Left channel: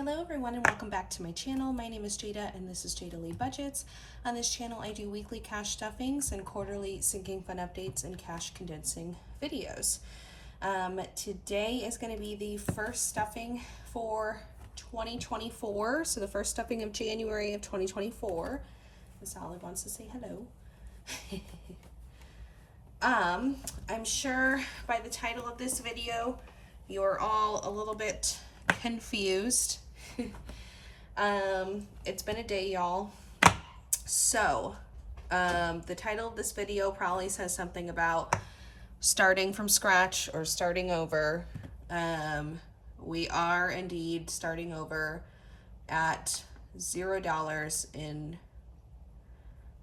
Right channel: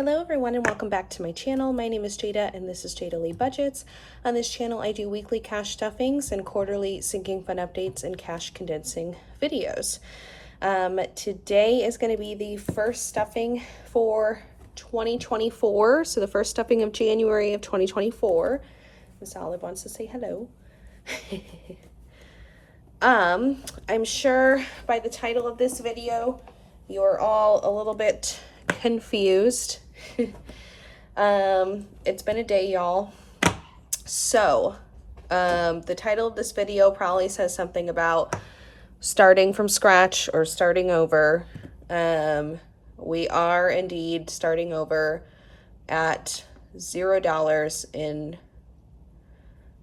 Hello everyone and welcome back to my channel. My name is Jada and this is Jada Lee Budgets. On this channel I do weekly cash stuffings and quarterly sinking fund updates and cash condensing videos. Today is going to be the first stuffing for 2024. So the first stuffing of January of 2024. Miss Olive wants to say hello. I'm sure by the title of this video you're all a little bit confused. It's been a day, y'all. So the title of this video probably says something about starting from scratch or starting over. We are indeed starting over at $0 in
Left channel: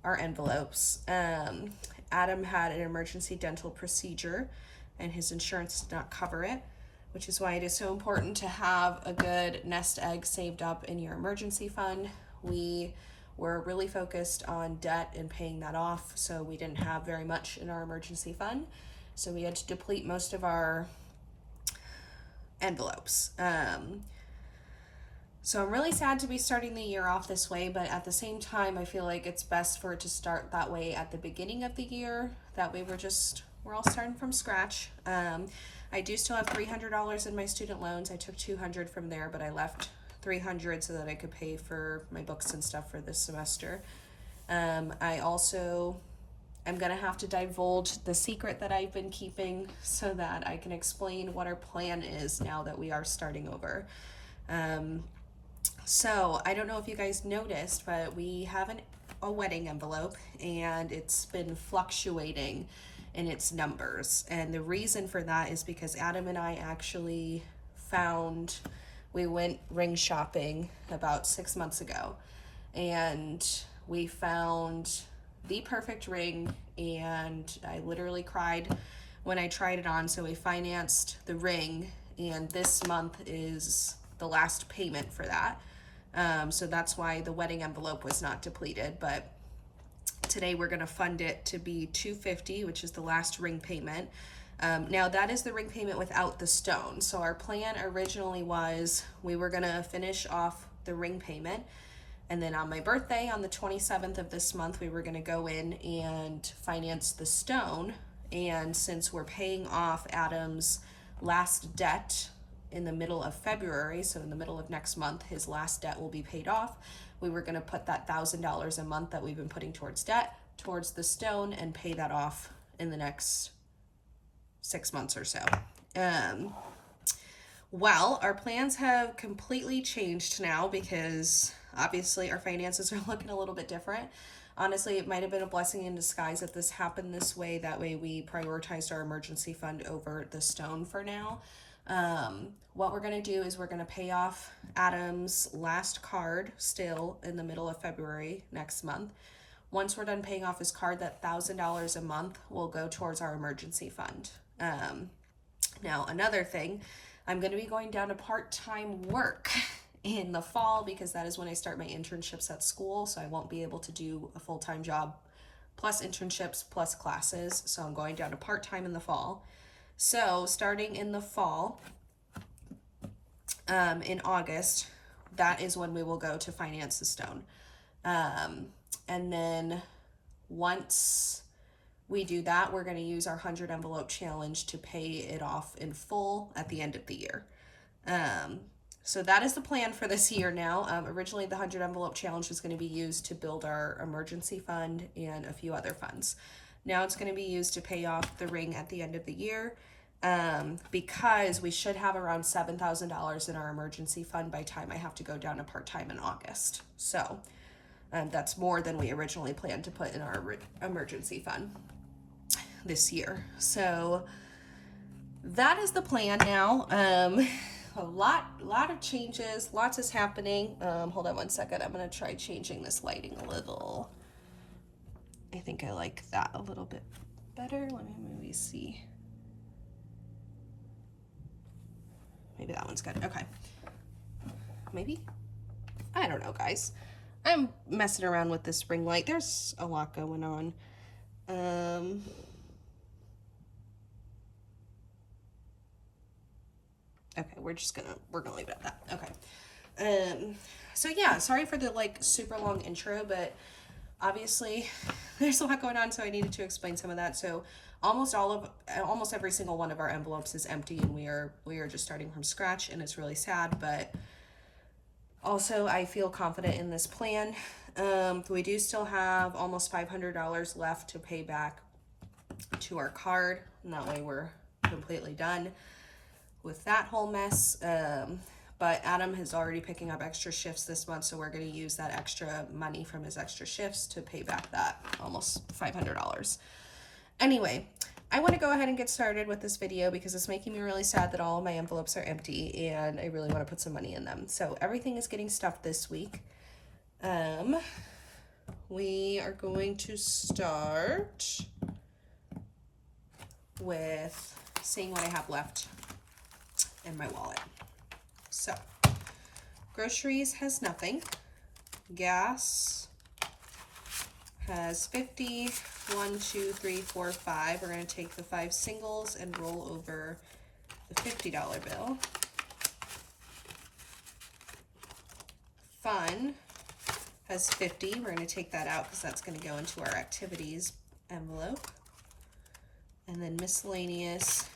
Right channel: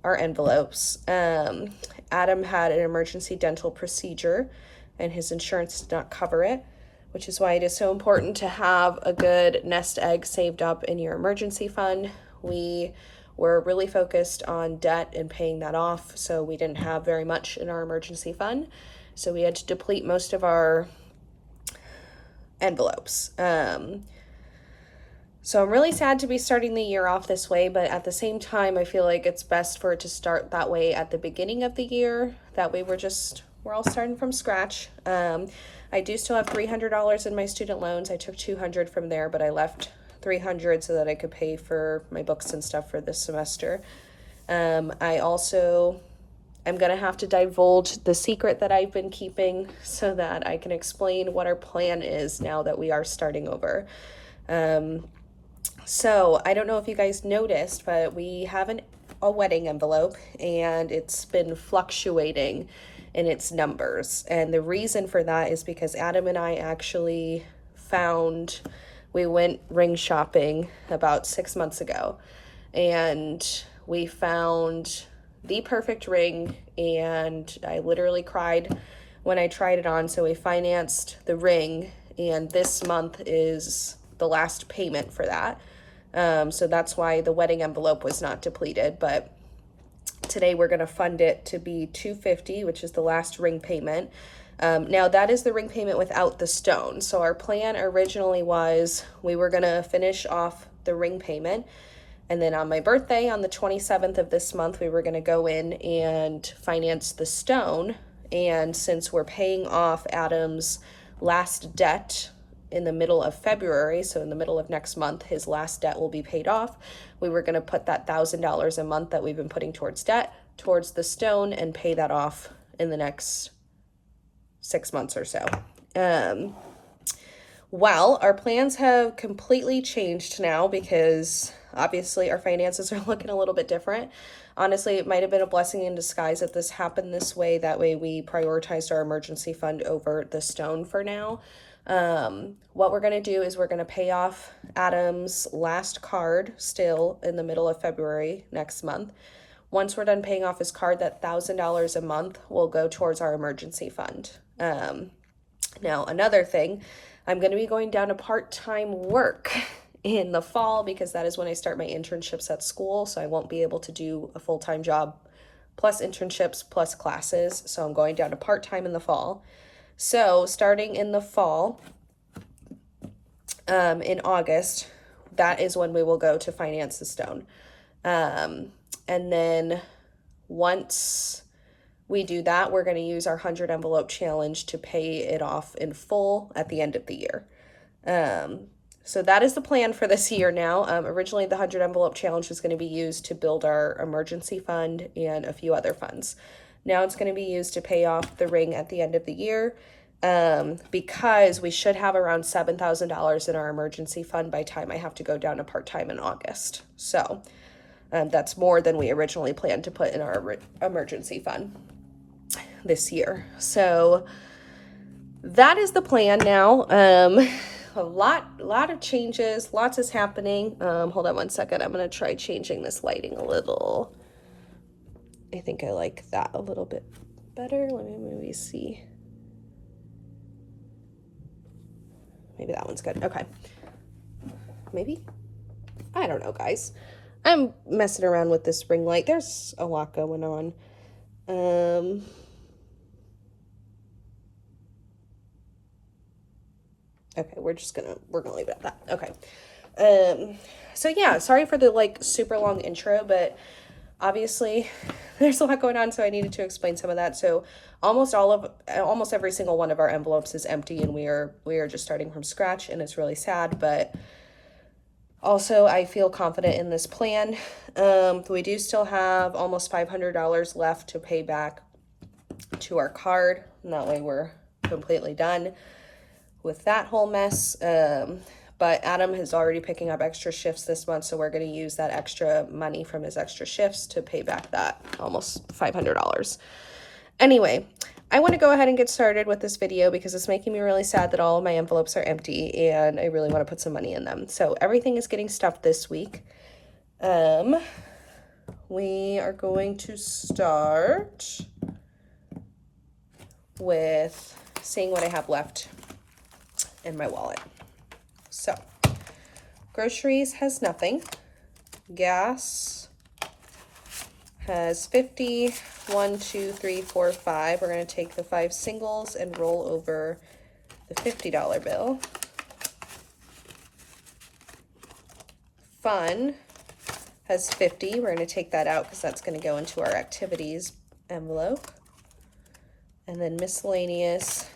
our envelopes. Adam had an emergency dental procedure and his insurance did not cover it, which is why it is so important to have a good nest egg saved up in your emergency fund. We were really focused on debt and paying that off, so we didn't have very much in our emergency fund. So we had to deplete most of our envelopes. So I'm really sad to be starting the year off this way, but at the same time, I feel like it's best for it to start that way at the beginning of the year. That way we're all starting from scratch. I do still have $300 in my student loans. I took $200 from there, but I left $300 so that I could pay for my books and stuff for this semester. I also am gonna have to divulge the secret that I've been keeping so that I can explain what our plan is now that we are starting over. So I don't know if you guys noticed, but we have a wedding envelope and it's been fluctuating in its numbers. And the reason for that is because Adam and I actually we went ring shopping about 6 months ago and we found the perfect ring, and I literally cried when I tried it on. So we financed the ring and this month is the last payment for that. So that's why the wedding envelope was not depleted, but today we're going to fund it to be $250, which is the last ring payment. Now that is the ring payment without the stone. So our plan originally was we were going to finish off the ring payment, and then on my birthday on the 27th of this month we were going to go in and finance the stone. And since we're paying off Adam's last debt in the middle of February, so in the middle of next month his last debt will be paid off, we were going to put that $1,000 a month that we've been putting towards debt towards the stone and pay that off in the next 6 months or so. Well, our plans have completely changed now because obviously our finances are looking a little bit different. Honestly, it might have been a blessing in disguise that this happened this way. That way we prioritized our emergency fund over the stone for now. What we're going to do is we're going to pay off Adam's last card still in the middle of February next month. Once we're done paying off his card, that $1,000 a month will go towards our emergency fund. Now another thing, I'm going to be going down to part-time work in the fall because that is when I start my internships at school. So I won't be able to do a full-time job plus internships plus classes. So I'm going down to part-time in the fall. So starting in the fall, in August, that is when we will go to finance the stone. And then once we do that, we're going to use our 100 envelope challenge to pay it off in full at the end of the year. So that is the plan for this year now. Originally the 100 envelope challenge was going to be used to build our emergency fund and a few other funds. Now it's going to be used to pay off the ring at the end of the year, because we should have around $7,000 in our emergency fund by the time I have to go down to part-time in August. So that's more than we originally planned to put in our emergency fund this year. So that is the plan now. A lot of changes, lots is happening. Hold on one second. I'm going to try changing this lighting a little. I think I like that a little bit better. Let me maybe see. Maybe that one's good. Okay. Maybe? I don't know, guys. I'm messing around with this ring light. There's a lot going on. Okay, we're gonna leave it at that. Okay. So yeah, sorry for the like super long intro, but obviously there's a lot going on, so I needed to explain some of that. So almost every single one of our envelopes is empty, and we are just starting from scratch, and it's really sad, but also I feel confident in this plan. We do still have almost $500 left to pay back to our card, and that way we're completely done with that whole mess. But Adam is already picking up extra shifts this month, so we're going to use that extra money from his extra shifts to pay back that almost $500. Anyway, I want to go ahead and get started with this video because it's making me really sad that all of my envelopes are empty, and I really want to put some money in them. So everything is getting stuffed this week. We are going to start with seeing what I have left in my wallet. So, groceries has nothing. Gas has 50. 1, 2, 3, 4, 5. We're going to take the 5 singles and roll over the $50 bill. Fun has 50. We're going to take that out because that's going to go into our activities envelope. And then miscellaneous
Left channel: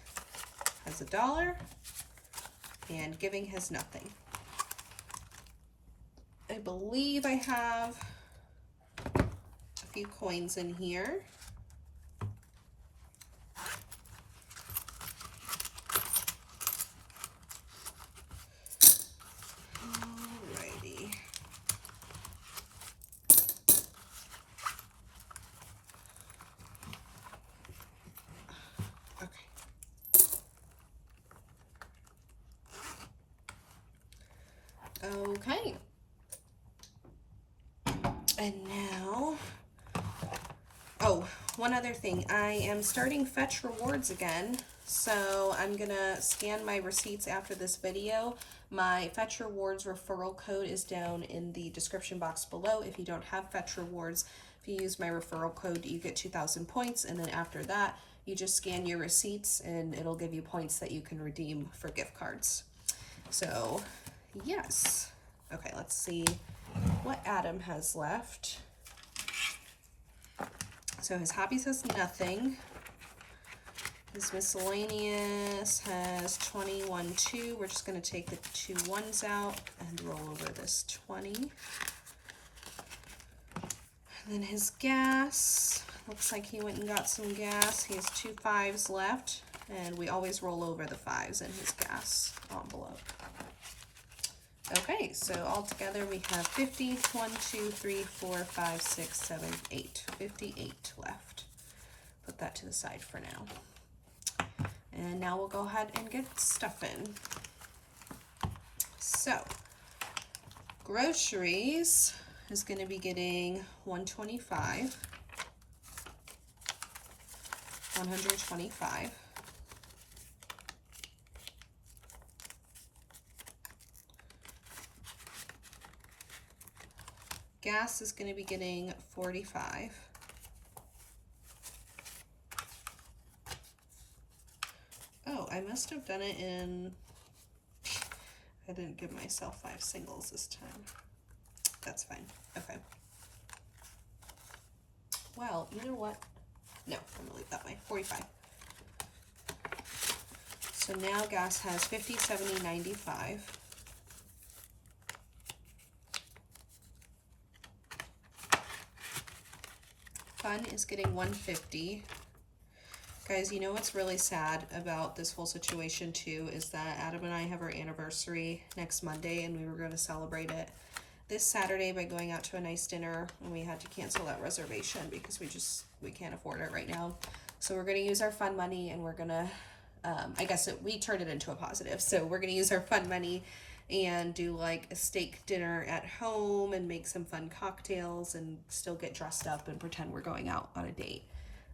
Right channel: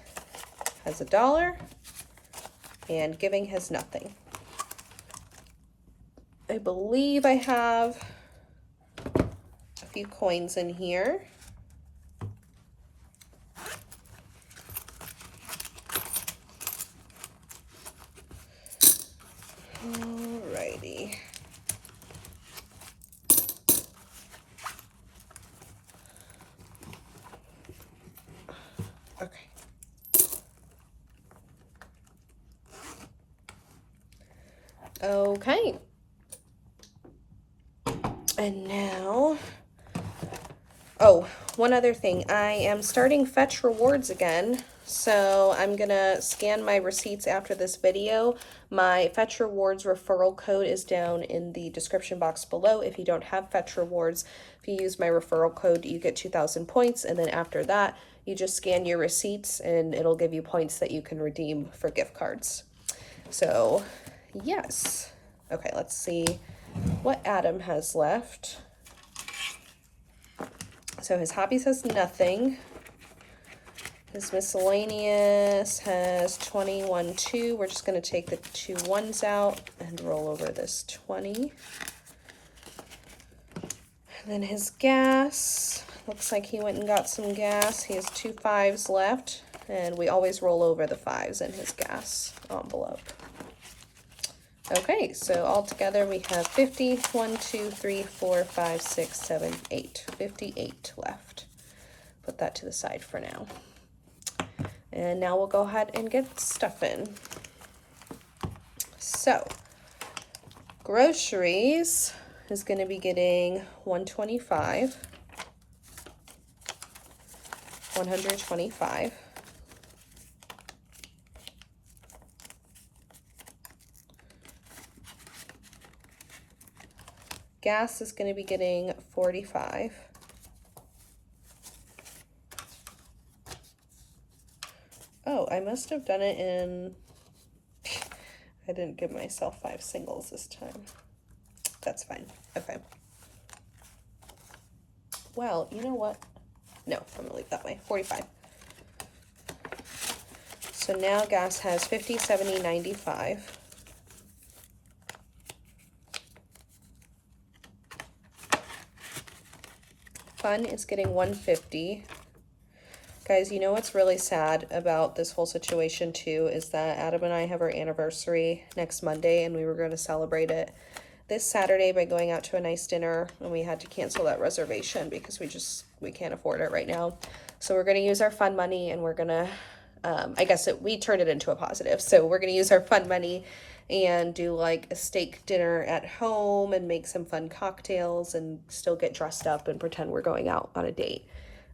has $1. And giving has nothing. I believe I have a few coins in here. Alrighty. Okay. And now, oh, one other thing. I am starting Fetch Rewards again. So I'm gonna scan my receipts after this video. My Fetch Rewards referral code is down in the description box below. If you don't have Fetch Rewards, if you use my referral code, you get 2,000 points. And then after that, you just scan your receipts and it'll give you points that you can redeem for gift cards. So yes. Okay, let's see what Adam has left. So his hobbies has nothing. His miscellaneous has 21, 2. We're just going to take the 2 1s out and roll over this 20. And then his gas, looks like he went and got some gas. He has 2 5s left, and we always roll over the 5s in his gas envelope. Okay, so all together we have 50, 1, 2, 3, 4, 5, 6, 7, 8. 58 left. Put that to the side for now. And now we'll go ahead and get stuff in. So, groceries is going to be getting 125. 125. Gas is going to be getting 45. Oh, I must have done it in... I didn't give myself 5 singles this time. That's fine. Okay. Well, you know what? No, I'm going to leave that way. 45. So now gas has 50, 70, 95. Fun is getting 150. Guys, you know what's really sad about this whole situation too is that Adam and I have our anniversary next Monday, and we were going to celebrate it this Saturday by going out to a nice dinner, and we had to cancel that reservation because we can't afford it right now. So we're going to use our fun money, and we're going to, I guess we turned it into a positive. So we're going to use our fun money and do like a steak dinner at home and make some fun cocktails and still get dressed up and pretend we're going out on a date.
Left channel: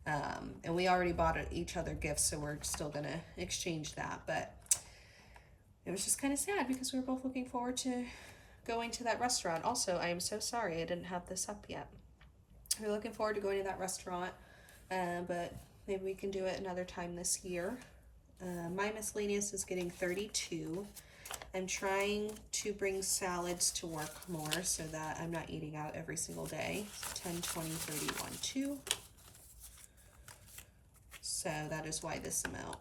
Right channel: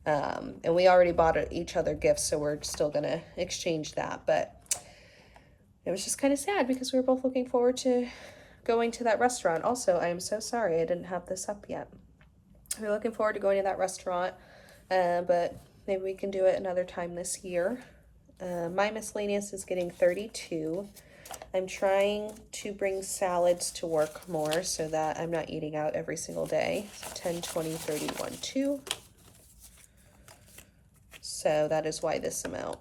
And we already bought each other gifts, so we're still gonna exchange that. But it was just kind of sad because we were both looking forward to going to that restaurant. Also, I am so sorry I didn't have this up yet. We're looking forward to going to that restaurant, but maybe we can do it another time this year. My miscellaneous is getting 32. I'm trying to bring salads to work more so that I'm not eating out every single day. 10, 20, 31, 2. So that is why this amount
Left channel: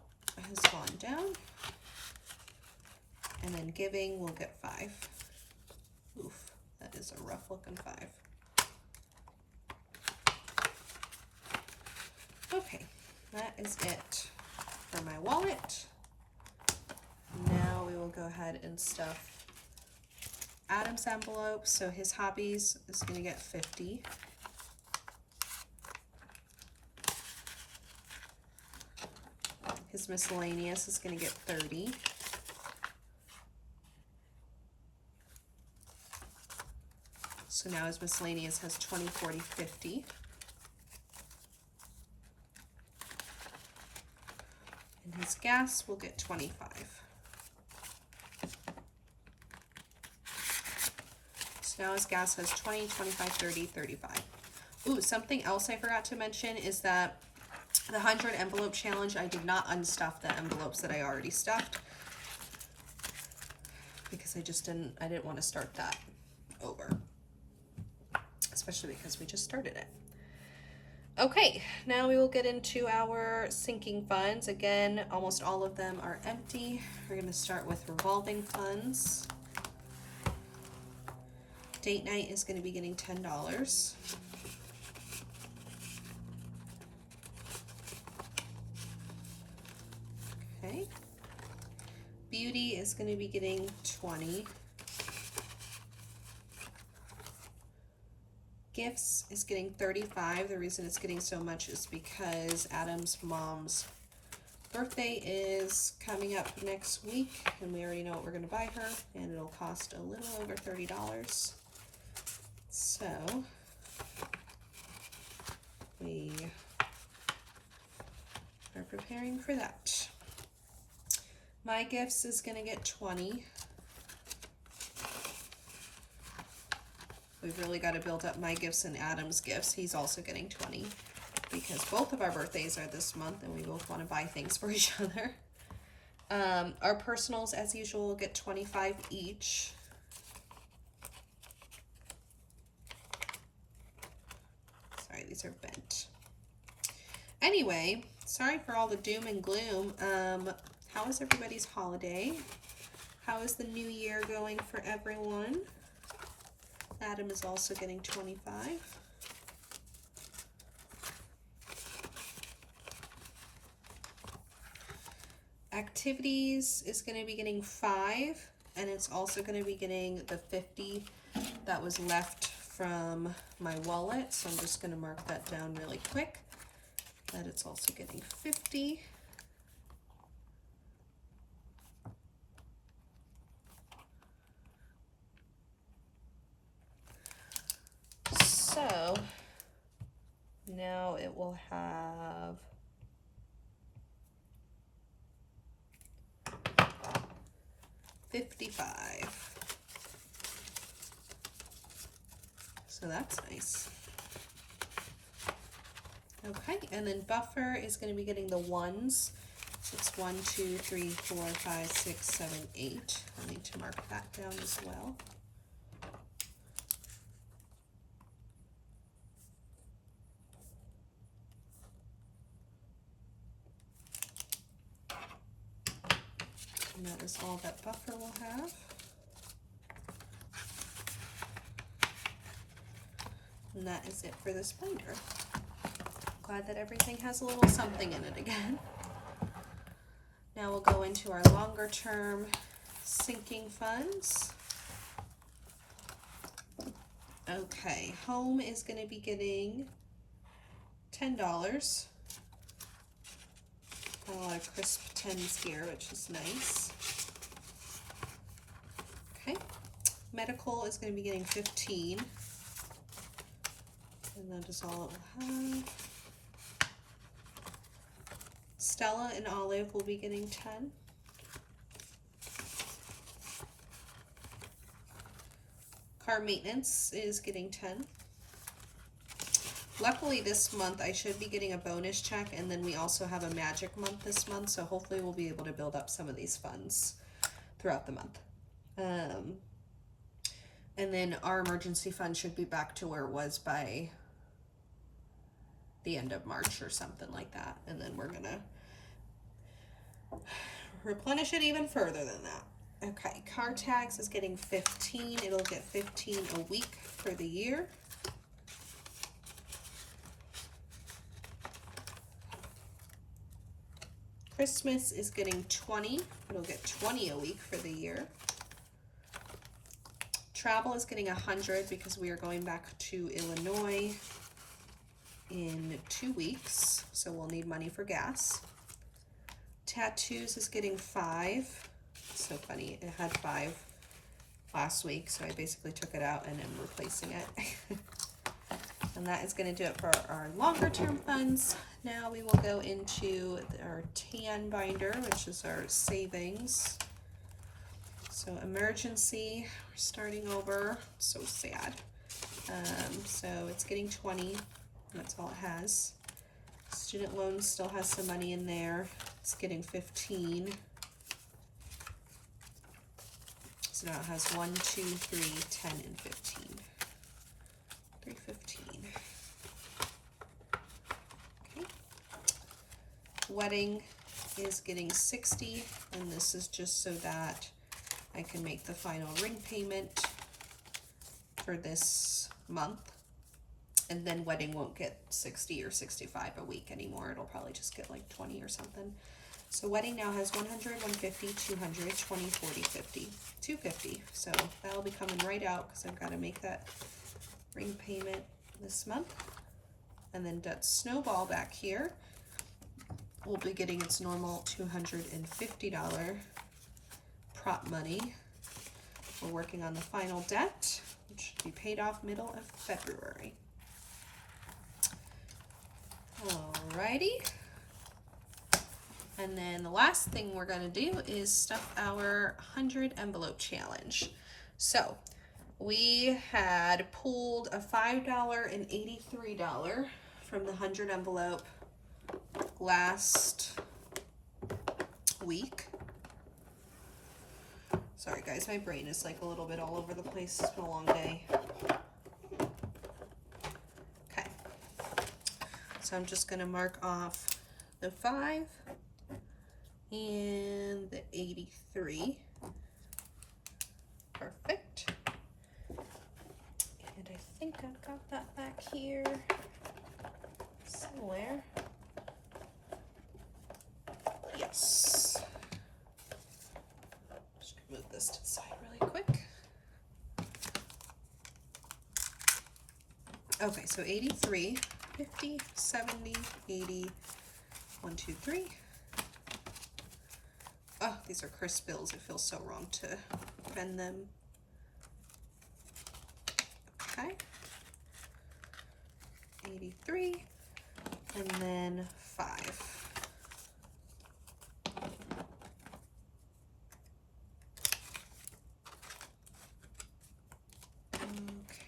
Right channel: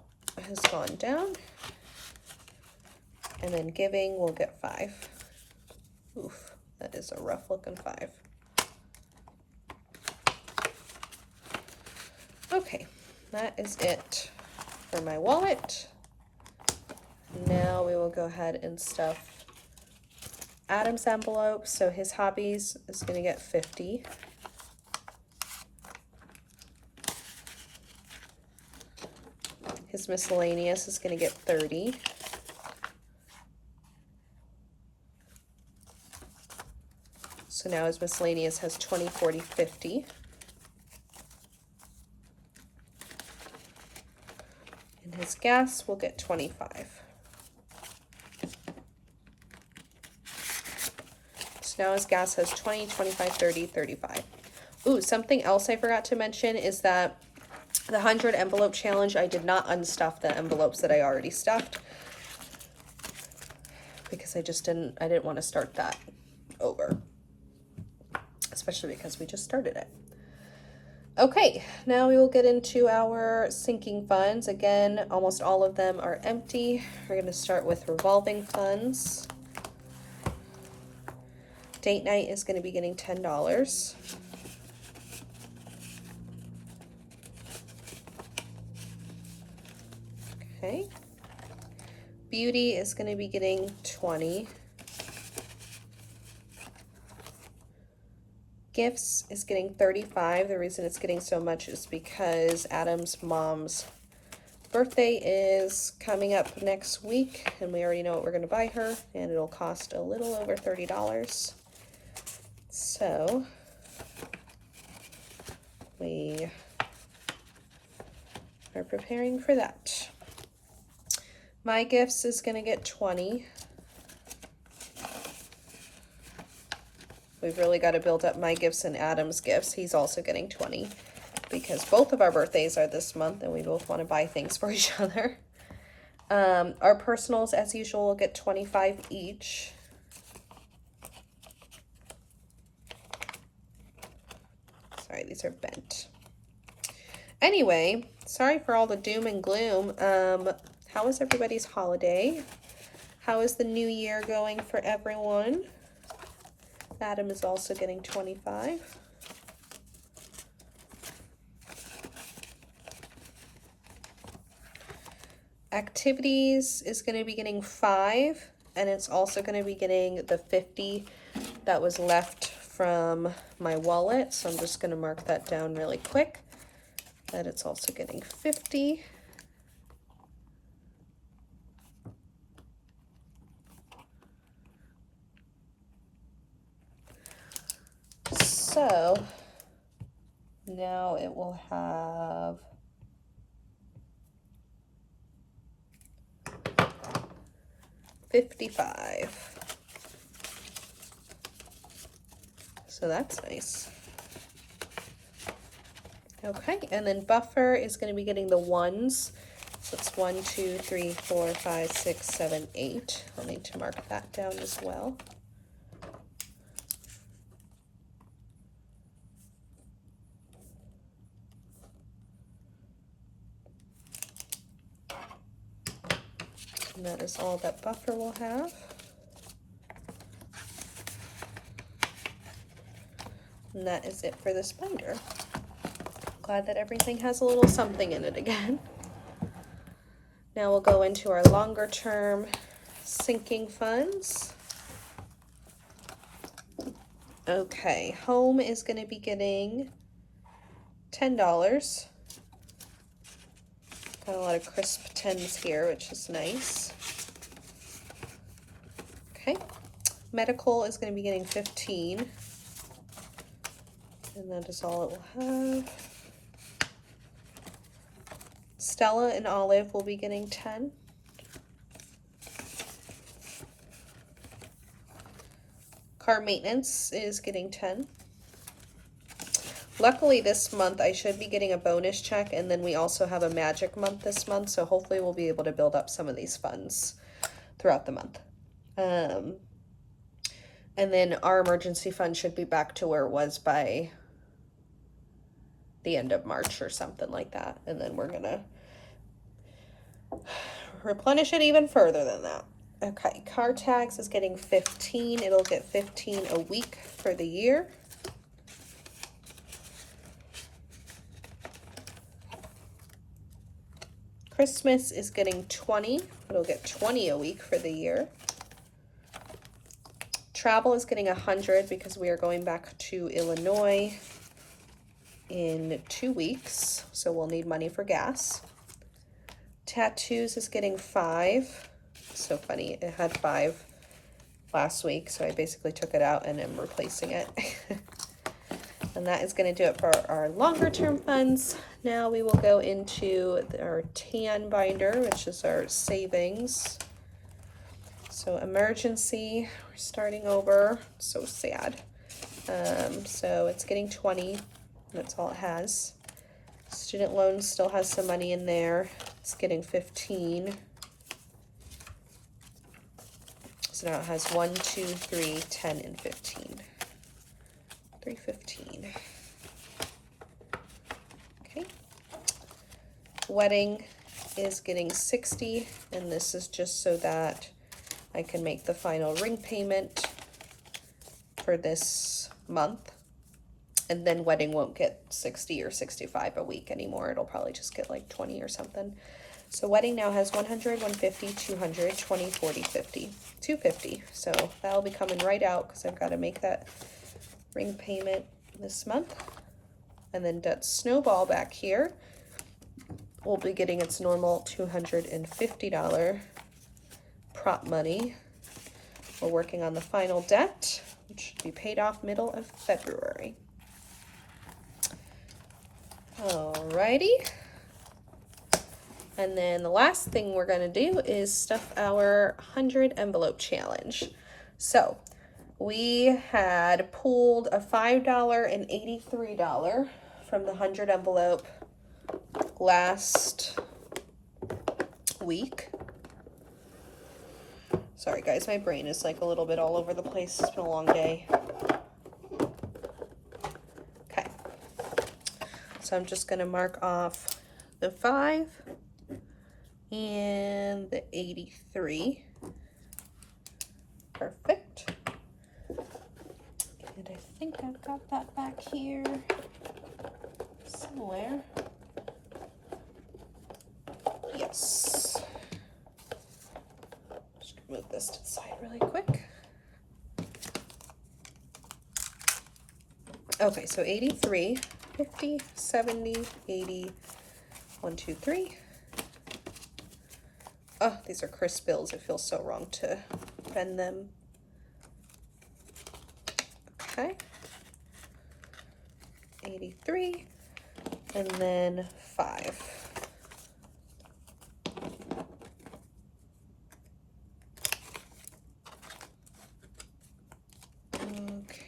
has gone down. And then giving, we'll get 5. Oof, that is a rough looking 5. Okay, that is it for my wallet. Now we will go ahead and stuff Adam's envelope. So his hobbies is going to get 50. His miscellaneous is going to get 30. So now his miscellaneous has 20, 40, 50. And his gas will get 25. So now his gas has 20, 25, 30, 35. Ooh, something else I forgot to mention is that the 100 envelope challenge, I did not unstuff the envelopes that I already stuffed because I didn't want to start that over, especially because we just started it. Okay, now we will get into our sinking funds. Again, almost all of them are empty. We're going to start with revolving funds. Date night is going to be getting $10. Okay. Beauty is going to be getting 20. Gifts is getting 35. The reason it's getting so much is because Adam's mom's birthday is coming up next week, and we already know what we're going to buy her, and it'll cost a little over $30. So we are preparing for that. My gifts is going to get 20. We've really got to build up my gifts and Adam's gifts. He's also getting 20 because both of our birthdays are this month and we both want to buy things for each other. Our personals, as usual, will get 25 each. Sorry, these are bent. Anyway, sorry for all the doom and gloom. How was everybody's holiday? How is the new year going for everyone? Adam is also getting 25. Activities is going to be getting 5, and it's also going to be getting the 50 that was left from my wallet. So I'm just going to mark that down really quick, that it's also getting 50. So now it will have $55. So that's nice. Okay, and then buffer is going to be getting the 1s. So it's 1, 2, 3, 4, 5, 6, 7, 8. I'll need to mark that down as well. And that is all that buffer will have. And that is it for this binder. Glad that everything has a little something in it again. Now we'll go into our longer term sinking funds. Okay, home is going to be getting $10. Got a lot of crisp 10s here, which is nice. Okay, medical is going to be getting 15. And that is all it will have. Stella and Olive will be getting 10. Car maintenance is getting 10. Luckily this month I should be getting a bonus check, and then we also have a magic month this month, so hopefully we'll be able to build up some of these funds. throughout the month. And then our emergency fund should be back to where it was by the end of March or something like that. And then we're gonna replenish it even further than that. Okay, car tax is getting 15. It'll get 15 a week for the year. Christmas is getting 20. It'll get 20 a week for the year. Travel is getting 100 because we are going back to Illinois in 2 weeks, so we'll need money for gas. Tattoos is getting 5. So funny, it had 5 last week, so I basically took it out and am replacing it. And that is going to do it for our longer term funds. Now we will go into our tan binder, which is our savings. So emergency, we're starting over. So sad. So it's getting 20. That's all it has. Student loans still has some money in there. It's getting 15. So now it has 1, 2, 3, 10, and 15. 315. Okay. Wedding is getting 60, and this is just so that I can make the final ring payment for this month. And then wedding won't get 60 or 65 a week anymore. It'll probably just get like 20 or something. So wedding now has 100, 150, 200, 20, 40, 50, 250. So that'll be coming right out because I've got to make that ring payment this month. And then debt snowball back here will be getting its normal $250 prop money. We're working on the final debt, which should be paid off middle of February. Alrighty. And then the last thing we're going to do is stuff our 100 envelope challenge. So we had pulled a $5 and $83 from the 100 envelope last week. Sorry guys, my brain is like a little bit all over the place. It's been a long day. Okay. So I'm just going to mark off the 5 and the 83. Perfect. And I think I've got that back here somewhere. Yes. Just gonna move this to the side really quick. Okay, so 83, 50, 70, 80, 1, 2, 3. Oh, these are crisp bills. It feels so wrong to bend them. Okay. 83. And then 5. Okay.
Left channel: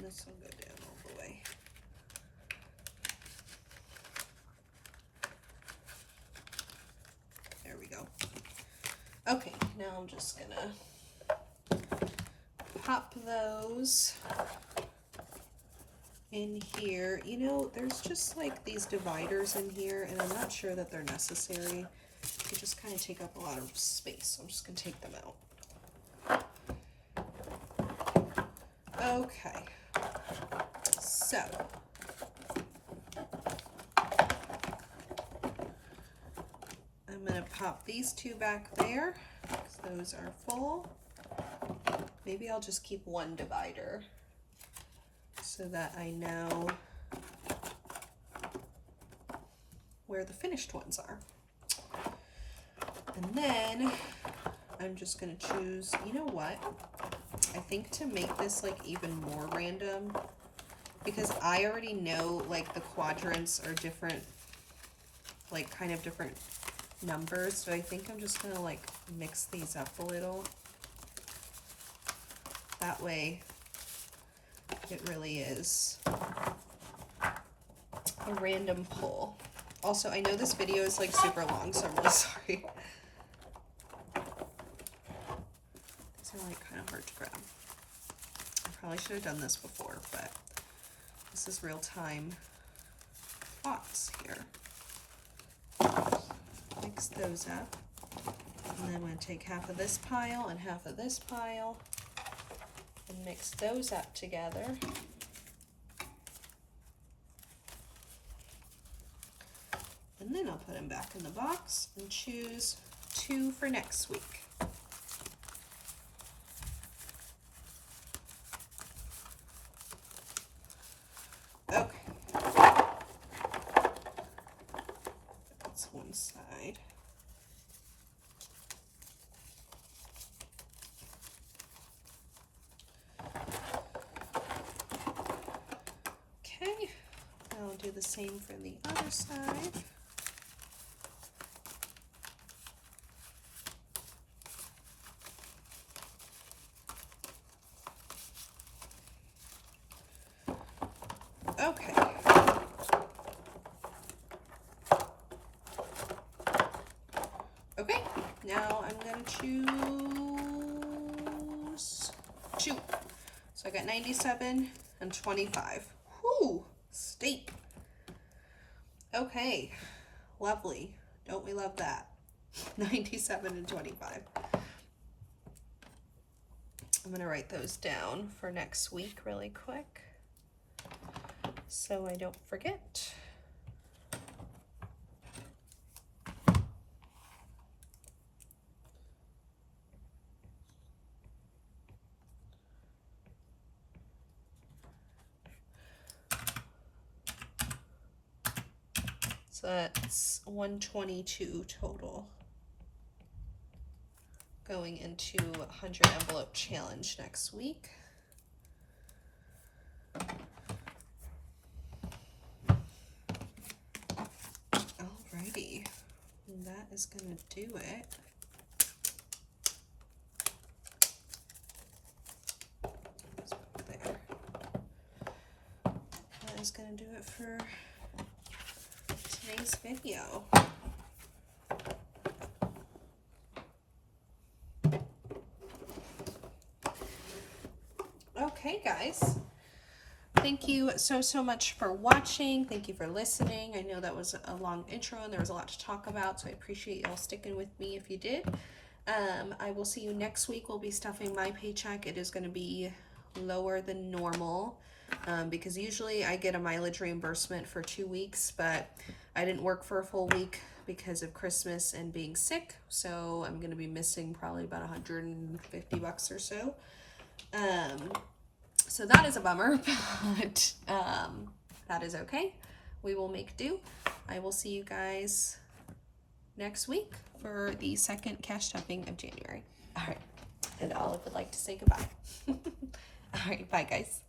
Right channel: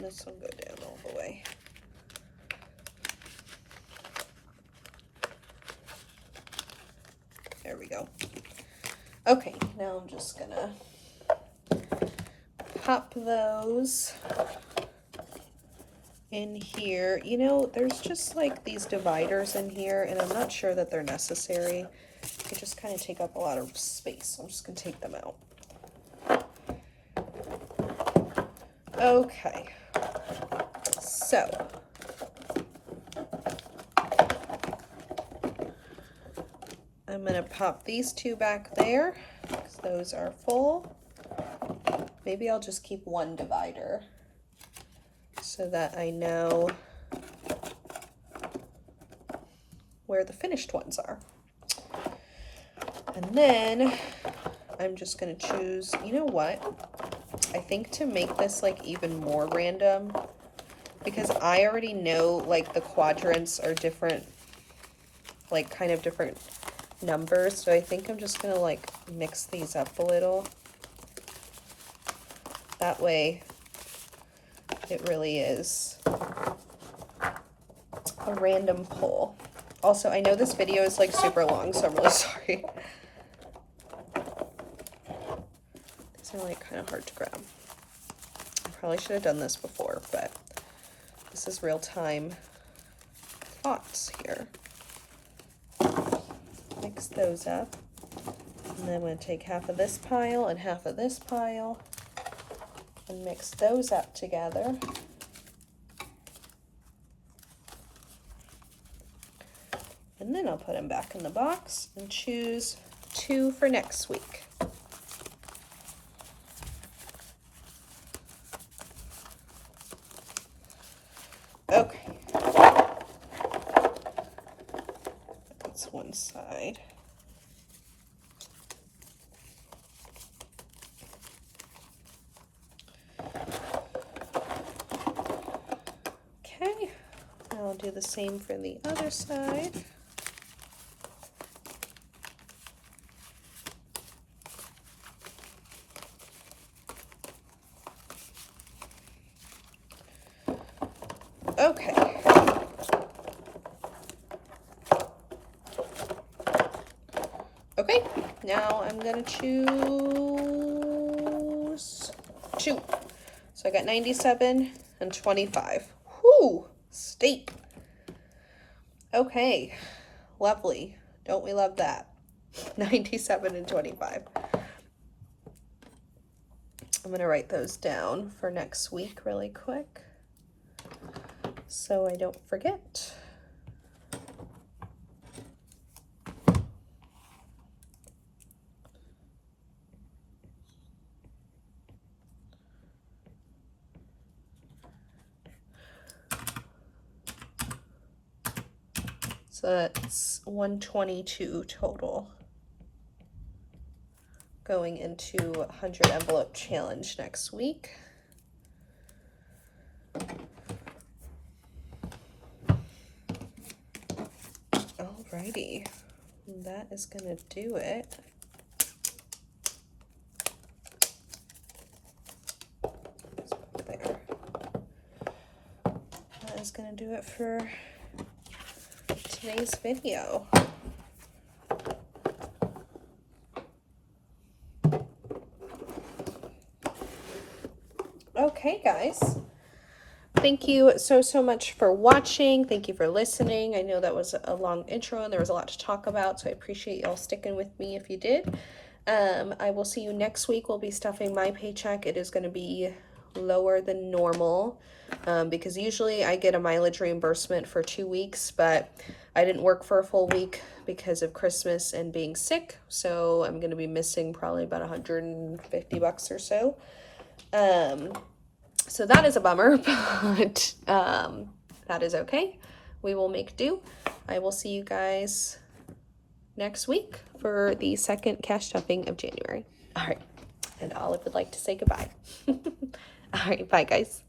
This will go down all the way. There we go. Okay, now I'm just gonna pop those in here. You know, there's just like these dividers in here, and I'm not sure that they're necessary. They just kind of take up a lot of space, so I'm just gonna take them out. Okay, so I'm going to pop these two back there because those are full. Maybe I'll just keep one divider so that I know where the finished ones are. And then I'm just going to choose, you know what? I think to make this like even more random, because I already know like the quadrants are different, like kind of different numbers, so I think I'm just gonna like mix these up a little. That way it really is a random pull. Also, I know this video is like super long, so I'm really sorry. hard to grab. I probably should have done this before, but this is real time thoughts here. Mix those up. And then I'm going to take half of this pile and half of this pile and mix those up together. And then I'll put them back in the box and choose 2 for next week. Okay. That's one side. Okay. I'll do the same for the other side. Okay. Okay, now I'm gonna choose 2. So I got 97 and 25. Whoo, steep. Okay, lovely. Don't we love that? 97 and 25. I'm gonna write those down for next week really quick, so I don't forget. So that's 122 total going into 100 envelope challenge next week. Alrighty, that is gonna do it. There. That is gonna do it for today's video. Okay, guys. Thank you so much for watching. Thank you for listening. I know that was a long intro and there was a lot to talk about, so I appreciate y'all sticking with me if you did. I will see you next week. We'll be stuffing my paycheck. It is going to be lower than normal because usually I get a mileage reimbursement for 2 weeks, but I didn't work for a full week because of Christmas and being sick, so I'm going to be missing probably about $150 or so. So that is a bummer, but that is okay. We will make do. I will see you guys next week for the second cash stuffing of January. All right. And Olive would like to say goodbye. All right. Bye, guys.